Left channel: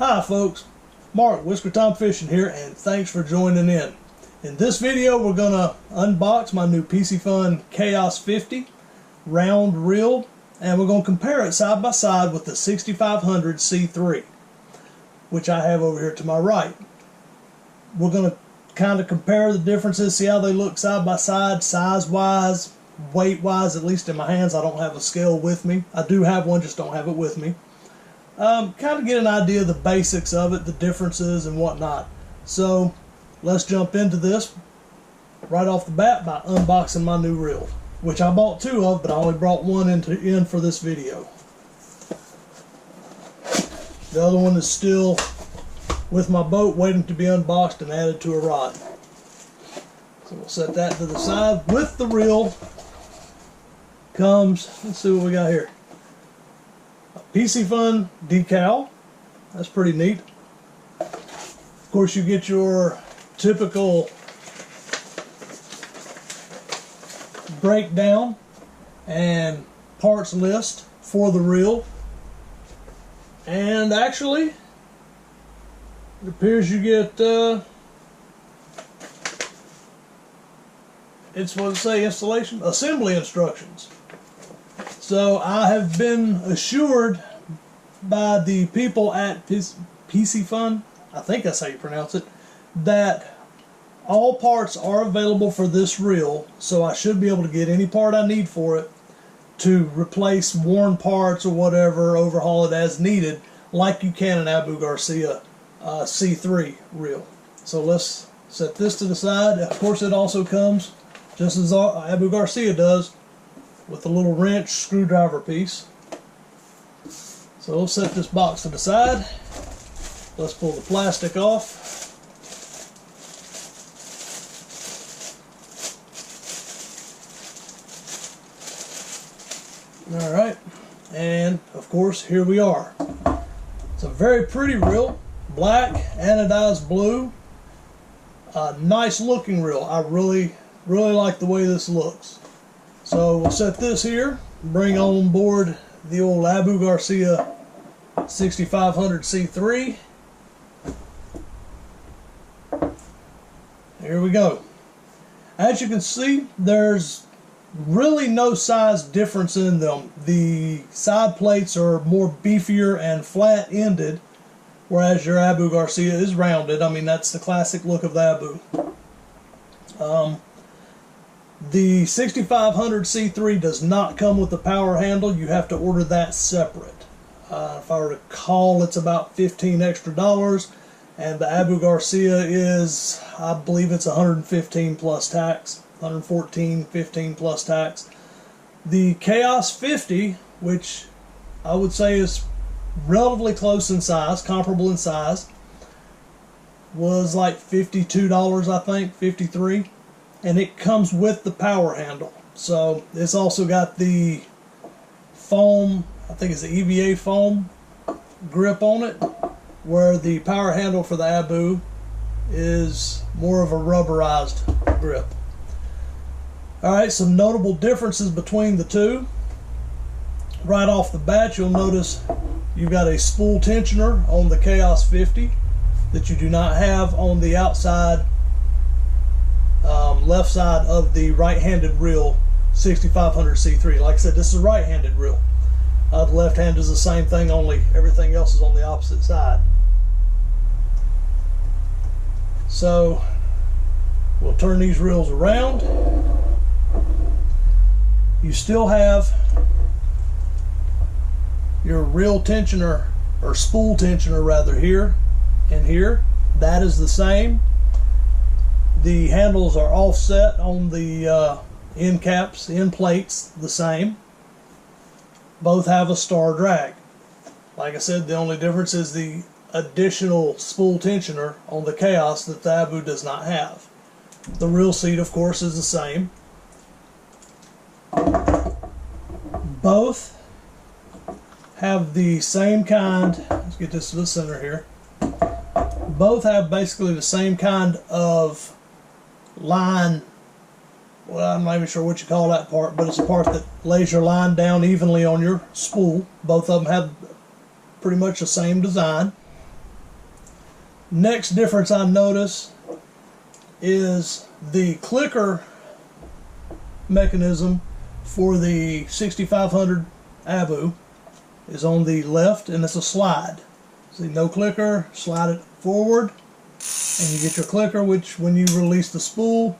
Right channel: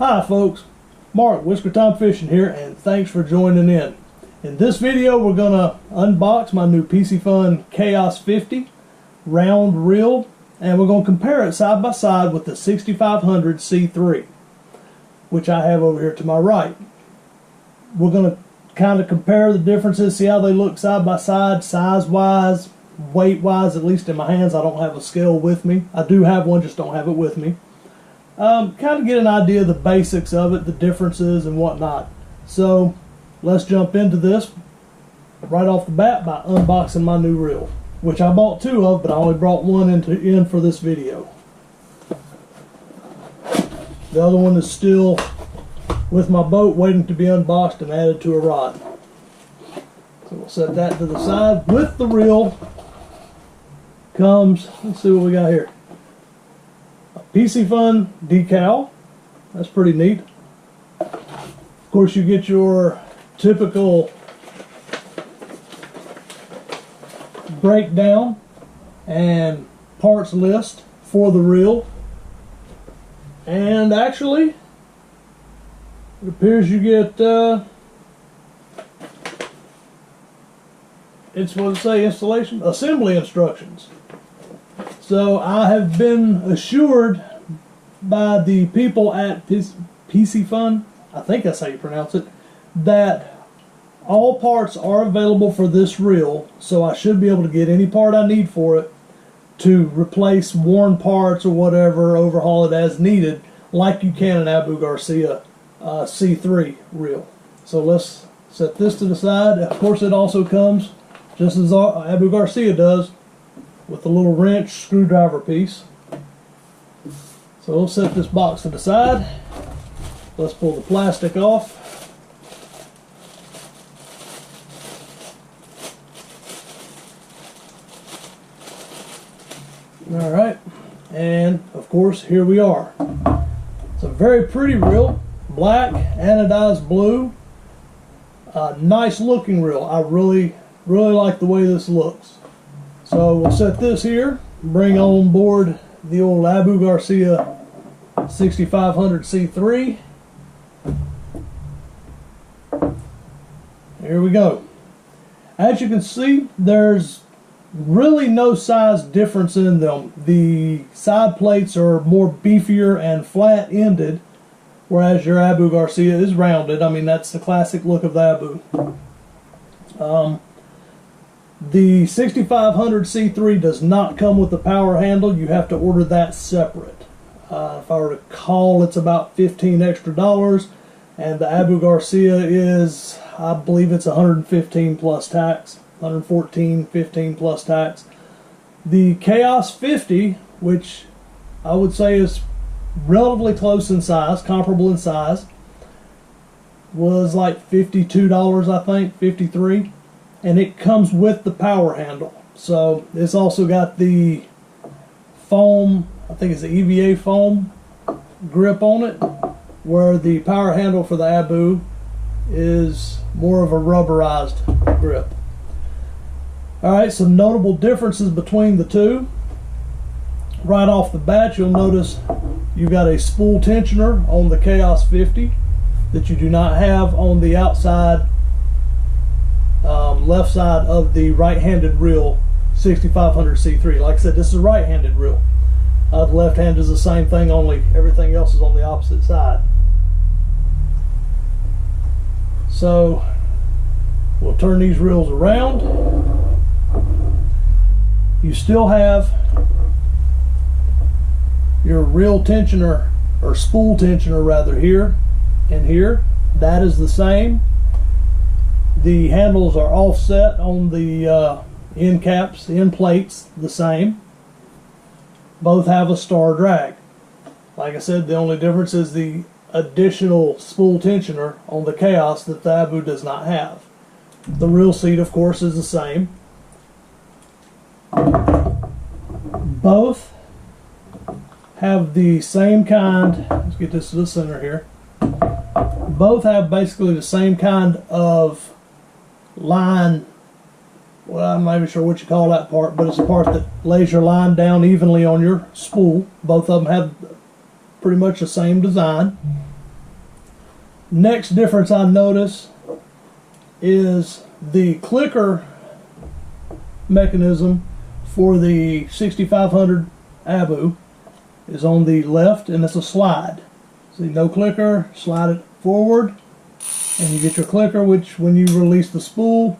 Hi folks, Mark, Whisker Tom Fishing here, and thanks for joining in. In this video we're going to unbox my new Piscifun Chaos 50 round reel, and we're going to compare it side by side with the 6500 C3, which I have over here to my right. We're going to kind of compare the differences, see how they look side by side, size wise, weight wise. At least in my hands, I don't have a scale with me. I do have one, just don't have it with me. Kind of get an idea of the basics of it, the differences and whatnot. So let's jump into this right off the bat by unboxing my new reel, which I bought two of, but I only brought one in for this video. The other one is still with my boat, waiting to be unboxed and added to a rod. So we'll set that to the side. With the reel comes, let's see what we got here. Piscifun decal. That's pretty neat. Of course, you get your typical breakdown and parts list for the reel. And actually, it appears you get it's what to say, installation, assembly instructions. So I have been assured by the people at Piscifun, I think that's how you pronounce it, that all parts are available for this reel, so I should be able to get any part I need for it to replace worn parts or whatever, overhaul it as needed, like you can an Abu Garcia C3 reel. So let's set this to the side. Of course, it also comes, just as Abu Garcia does, with a little wrench screwdriver piece. So we'll set this box to the side. Let's pull the plastic off. Alright, and of course here we are. It's a very pretty reel, black, anodized blue. Nice looking reel. I really like the way this looks. So we'll set this here, bring on board the old Abu Garcia 6500 C3. Here we go. As you can see, there's really no size difference in them. The side plates are more beefier and flat-ended, whereas your Abu Garcia is rounded. I mean, that's the classic look of the Abu. The 6500 C3 does not come with the power handle. You have to order that separate. If I recall, it's about $15 extra, and the Abu Garcia is, I believe it's 115 plus tax, 114, 15 plus tax. The Chaos 50, which I would say is relatively close in size, comparable in size, was like $52, I think, $53. And it comes with the power handle. So it's also got the foam, I think it's the EVA foam grip on it, where the power handle for the Abu is more of a rubberized grip. Alright, some notable differences between the two. Right off the bat, you'll notice you've got a spool tensioner on the Chaos 50 that you do not have on the outside left side of the right-handed reel 6500 C3. Like I said, this is a right-handed reel. The left hand is the same thing, only everything else is on the opposite side. So we'll turn these reels around. You still have your reel tensioner, or spool tensioner rather, here and here. That is the same. The handles are offset on the end caps, end plates, the same. Both have a star drag. Like I said, the only difference is the additional spool tensioner on the Chaos that the Abu does not have. The reel seat, of course, is the same. Both have the same kind, let's get this to the center here. Both have basically the same kind of line. Well, I'm not even sure what you call that part, but it's a part that lays your line down evenly on your spool. Both of them have pretty much the same design. Next difference I notice is the clicker mechanism for the 6500 Abu is on the left, and it's a slide. See, no clicker, slide it forward, and you get your clicker, which when you release the spool,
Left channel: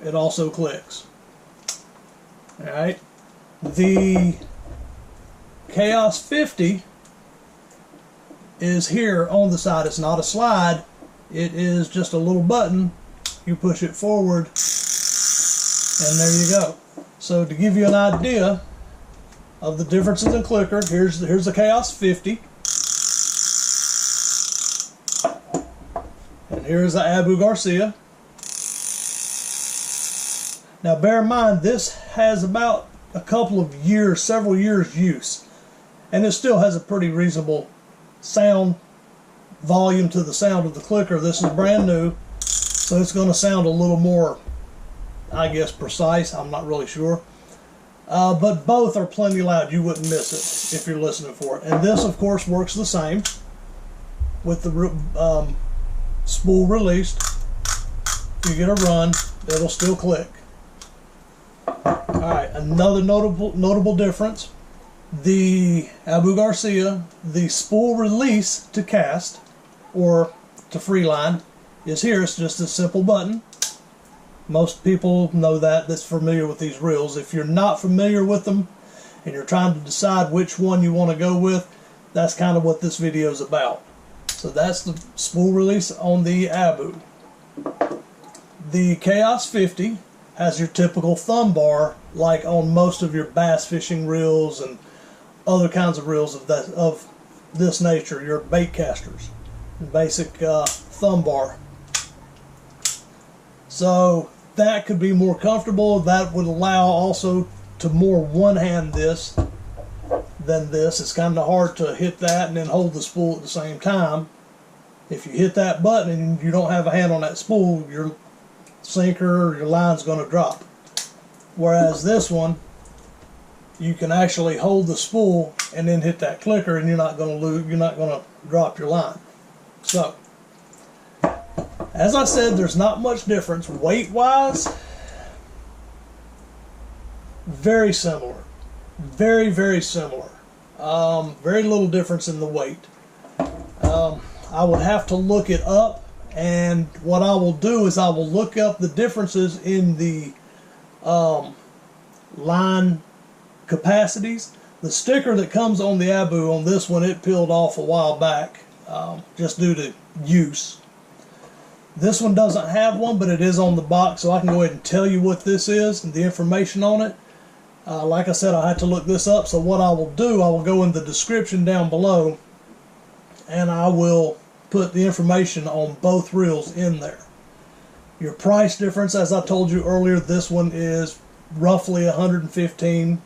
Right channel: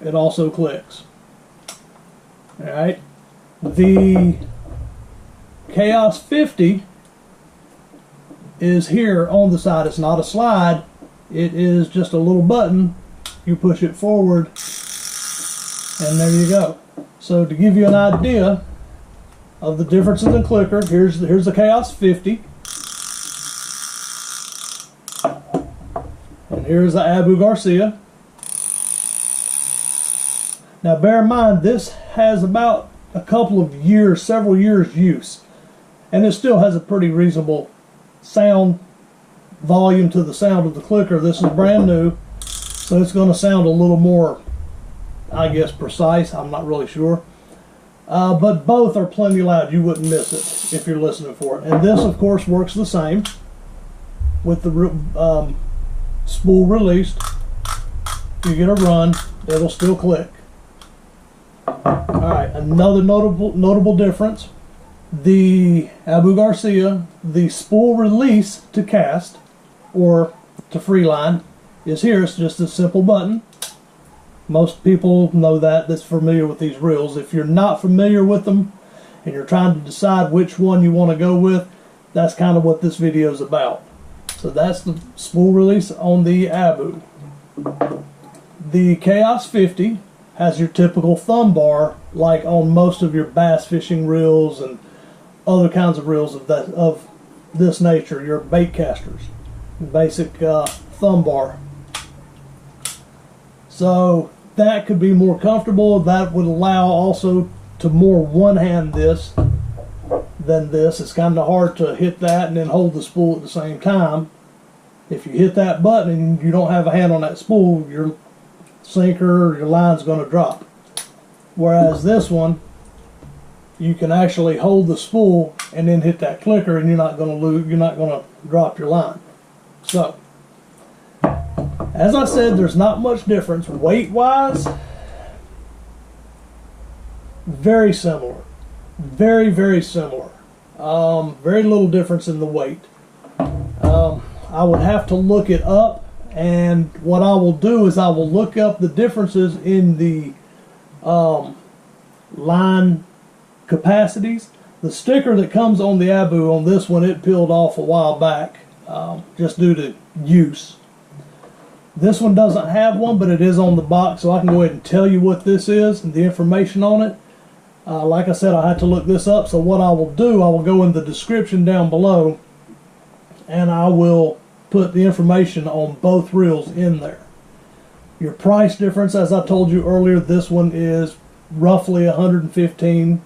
it also clicks. Alright, the Chaos 50 is here on the side. It's not a slide, it is just a little button. You push it forward, and there you go. So to give you an idea of the differences in clicker, here's the Chaos 50, and here's the Abu Garcia. Now bear in mind, this has about a couple of years, several years use, and it still has a pretty reasonable sound volume to the sound of the clicker. This is brand new, so it's going to sound a little more, I guess, precise. I'm not really sure. But both are plenty loud. You wouldn't miss it if you're listening for it. And this, of course, works the same with the spool released. If you get a run, it'll still click. Alright, another notable difference. The Abu Garcia, the spool release to cast or to freeline is here. It's just a simple button. Most people know that's familiar with these reels. If you're not familiar with them and you're trying to decide which one you want to go with, that's kind of what this video is about. So that's the spool release on the Abu. The Chaos 50 has your typical thumb bar like on most of your bass fishing reels and other kinds of reels of this nature, your bait casters. Basic thumb bar. So that could be more comfortable. That would allow also to more one-hand this than this. It's kind of hard to hit that and then hold the spool at the same time. If you hit that button and you don't have a hand on that spool, your sinker or your line's going to drop. Whereas this one, you can actually hold the spool and then hit that clicker, and you're not going to lose. You're not going to drop your line. So, as I said, there's not much difference weight-wise. Very similar, very similar. Very little difference in the weight. I would have to look it up, and what I will do is I will look up the differences in the line capacities. The sticker that comes on the Abu on this one, it peeled off a while back, just due to use. This one doesn't have one, but it is on the box, so I can go ahead and tell you what this is and the information on it. Like I said, I had to look this up, so what I will do, I will go in the description down below, and I will put the information on both reels in there. Your price difference, as I told you earlier, this one is roughly $115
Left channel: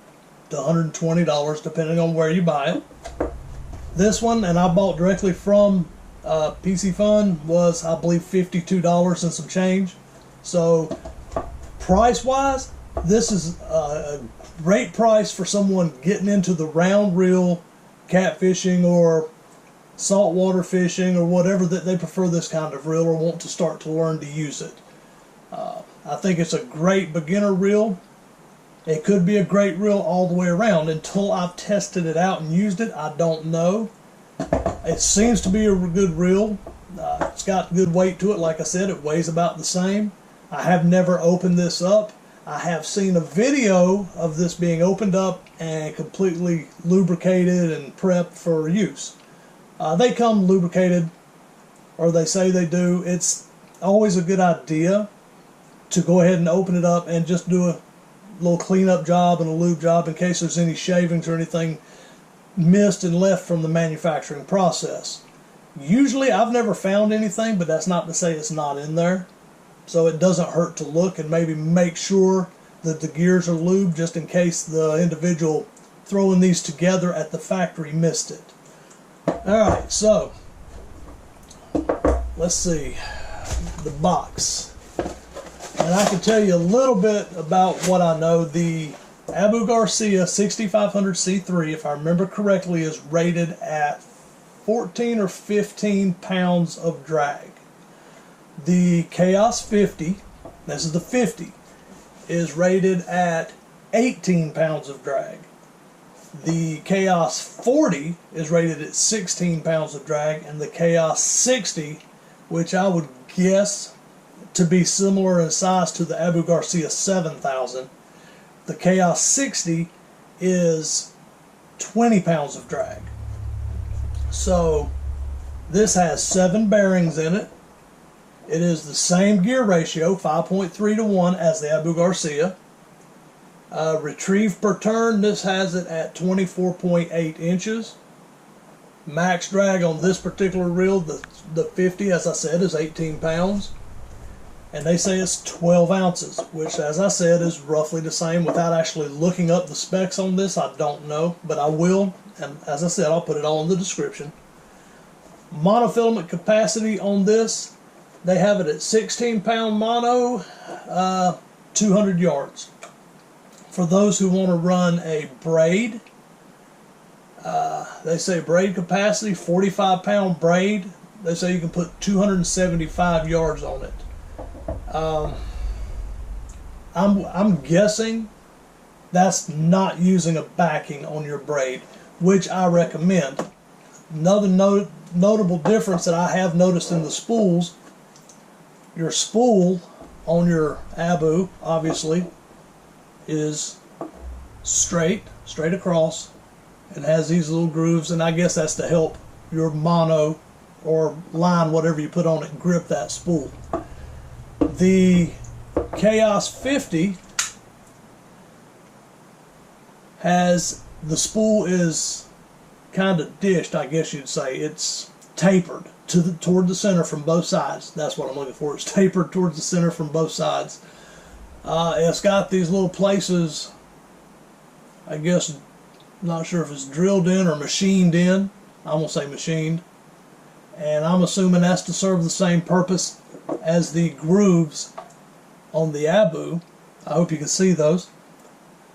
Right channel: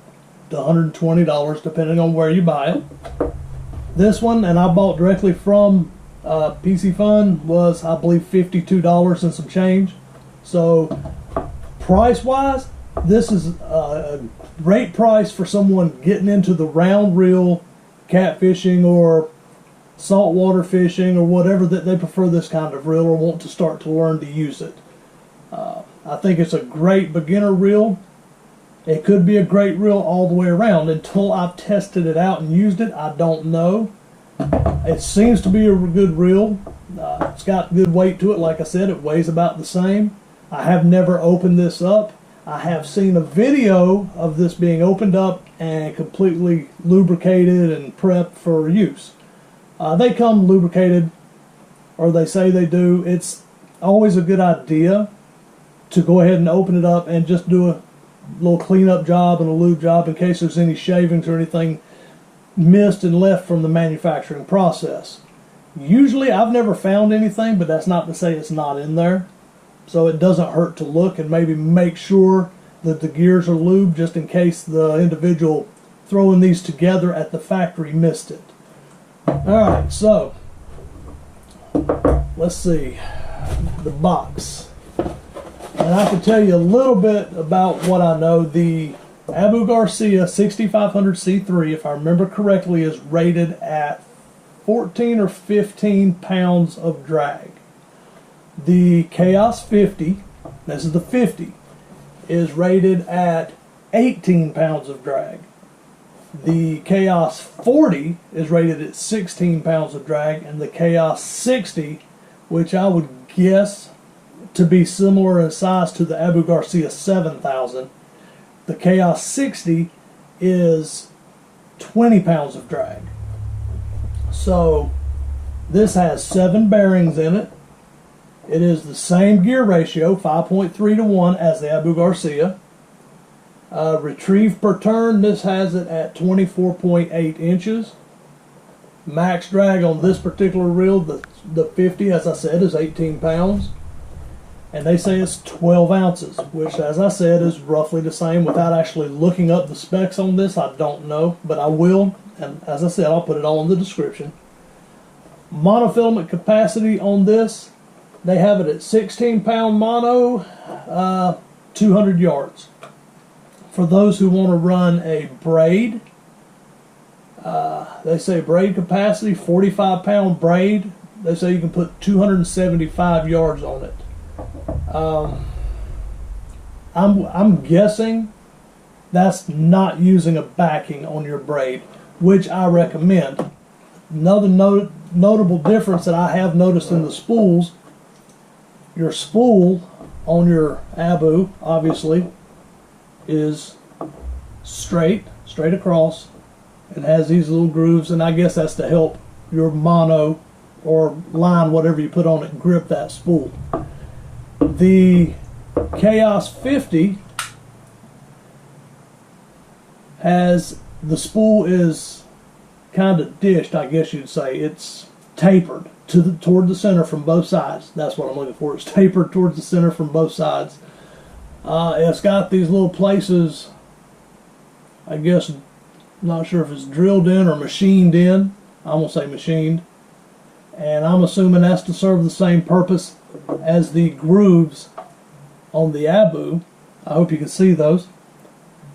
to $120, depending on where you buy it. This one, and I bought directly from Piscifun, was, I believe, $52 and some change. So, price-wise, this is a great price for someone getting into the round reel catfishing or saltwater fishing or whatever, that they prefer this kind of reel or want to start to learn to use it. I think it's a great beginner reel. It could be a great reel all the way around. Until I've tested it out and used it, I don't know. It seems to be a good reel. It's got good weight to it. Like I said, it weighs about the same. I have never opened this up. I have seen a video of this being opened up and completely lubricated and prepped for use. They come lubricated, or they say they do. It's always a good idea to go ahead and open it up and just do a little cleanup job and a lube job in case there's any shavings or anything missed and left from the manufacturing process. Usually I've never found anything, but that's not to say it's not in there. So it doesn't hurt to look and maybe make sure that the gears are lubed, just in case the individual throwing these together at the factory missed it. Alright, so let's see the box. And I can tell you a little bit about what I know. The Abu Garcia 6500 C3, if I remember correctly, is rated at 14 or 15 pounds of drag. The Chaos 50, this is the 50, is rated at 18 pounds of drag. The Chaos 40 is rated at 16 pounds of drag, and the Chaos 60, which I would guess to be similar in size to the Abu Garcia 7000, the Chaos 60 is 20 pounds of drag. So this has 7 bearings in it. It is the same gear ratio, 5.3 to 1, as the Abu Garcia. Retrieve per turn, this has it at 24.8 inches. Max drag on this particular reel, the 50, as I said, is 18 pounds. And they say it's 12 ounces, which, as I said, is roughly the same. Without actually looking up the specs on this, I don't know, but I will. And as I said, I'll put it all in the description. Monofilament capacity on this, they have it at 16 pound mono, 200 yards. For those who want to run a braid, they say braid capacity, 45 pound braid, they say you can put 275 yards on it. I'm guessing that's not using a backing on your braid, which I recommend. Another notable difference that I have noticed in the spools, your spool on your Abu, obviously, is straight across, and has these little grooves, and I guess that's to help your mono or line, whatever you put on it, grip that spool. The Chaos 50 has, the spool is kind of dished, I guess you'd say. It's tapered toward the center from both sides. That's what I'm looking for. It's tapered towards the center from both sides. It's got these little places, I guess, not sure if it's drilled in or machined in. I'm going to say machined. And I'm assuming that's to serve the same purpose as the grooves on the Abu. I hope you can see those.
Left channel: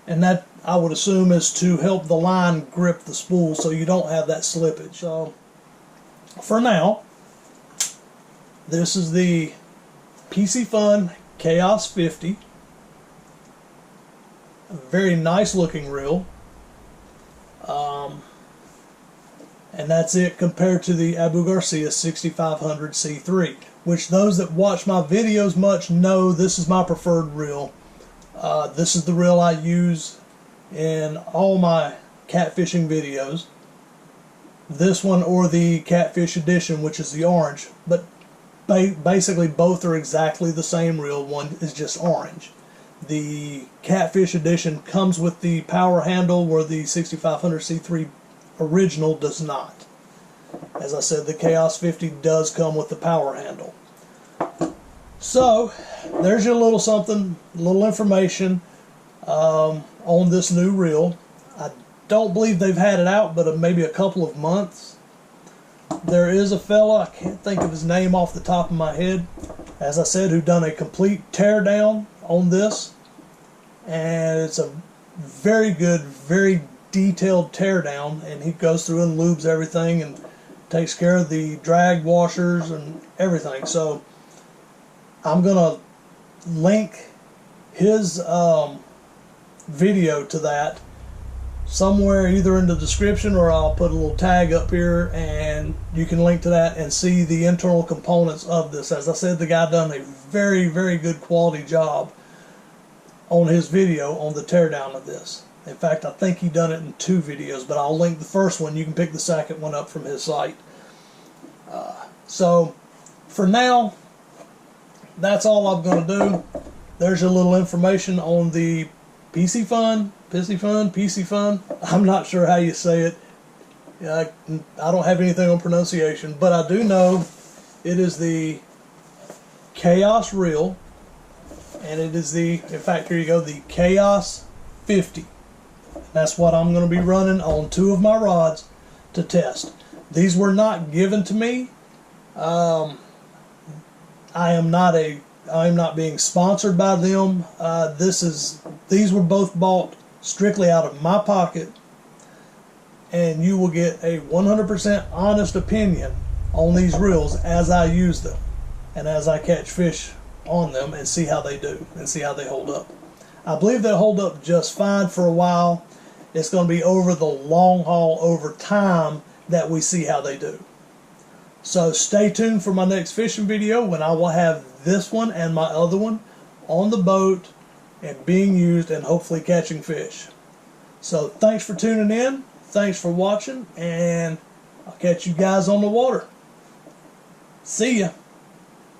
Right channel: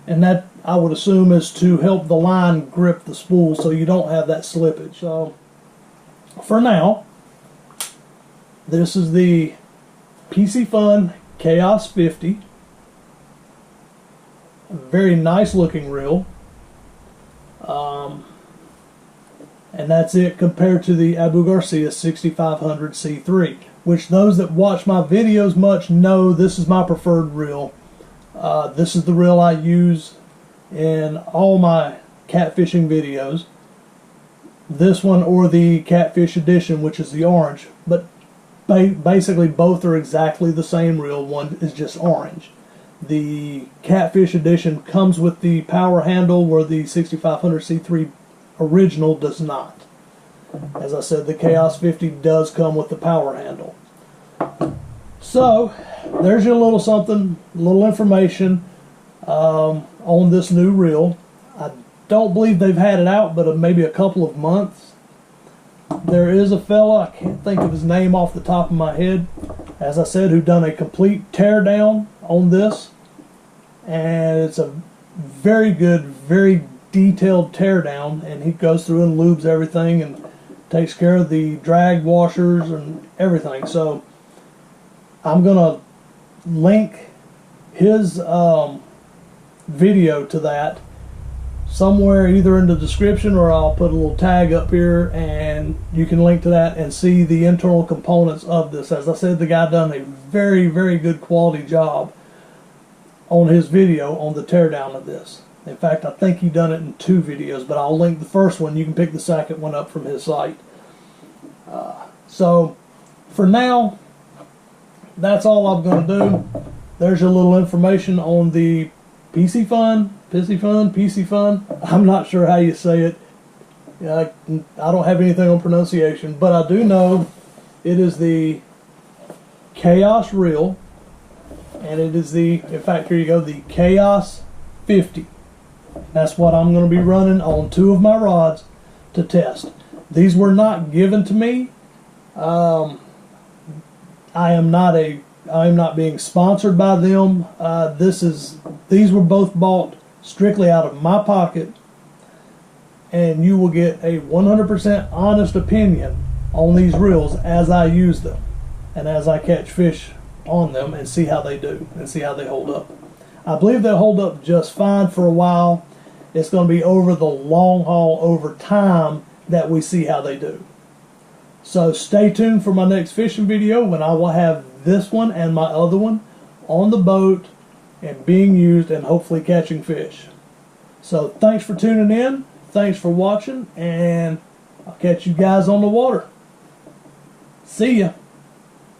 And that, I would assume, is to help the line grip the spool so you don't have that slippage. So for now, this is the Piscifun Chaos 50. A very nice looking reel. And that's it compared to the Abu Garcia 6500 C3, which those that watch my videos much know this is my preferred reel. This is the reel I use in all my catfishing videos. This one or the Catfish Edition, which is the orange, but basically both are exactly the same reel. One is just orange. The Catfish Edition comes with the power handle, where the 6500 C3 original does not. As I said, the Chaos 50 does come with the power handle. So there's your little something, little information on this new reel. I don't believe they've had it out but maybe a couple of months. There is a fella, I can't think of his name off the top of my head, as I said, who done a complete teardown on this, and it's a very good, very detailed teardown, and he goes through and lubes everything and takes care of the drag washers and everything. So I'm gonna link his video to that somewhere, either in the description, or I'll put a little tag up here and you can link to that and see the internal components of this. As I said, the guy done a very, very good quality job on his video on the teardown of this. In fact, I think he done it in 2 videos, but I'll link the first one. You can pick the second one up from his site. So for now, that's all I'm going to do. There's your little information on the Piscifun. I'm not sure how you say it. I don't have anything on pronunciation, but I do know it is the Chaos reel, and it is the, in fact, here you go, the Chaos 50. That's what I'm going to be running on 2 of my rods to test. These were not given to me. I am not being sponsored by them. These were both bought strictly out of my pocket and you will get a 100% honest opinion on these reels as I use them and as I catch fish on them and see how they do and see how they hold up. I believe they'll hold up just fine for a while. It's going to be over the long haul, over time, that we see how they do. So stay tuned for my next fishing video when I will have this one and my other one on the boat and being used and hopefully catching fish. So thanks for tuning in, thanks for watching, and I'll catch you guys on the water. See ya.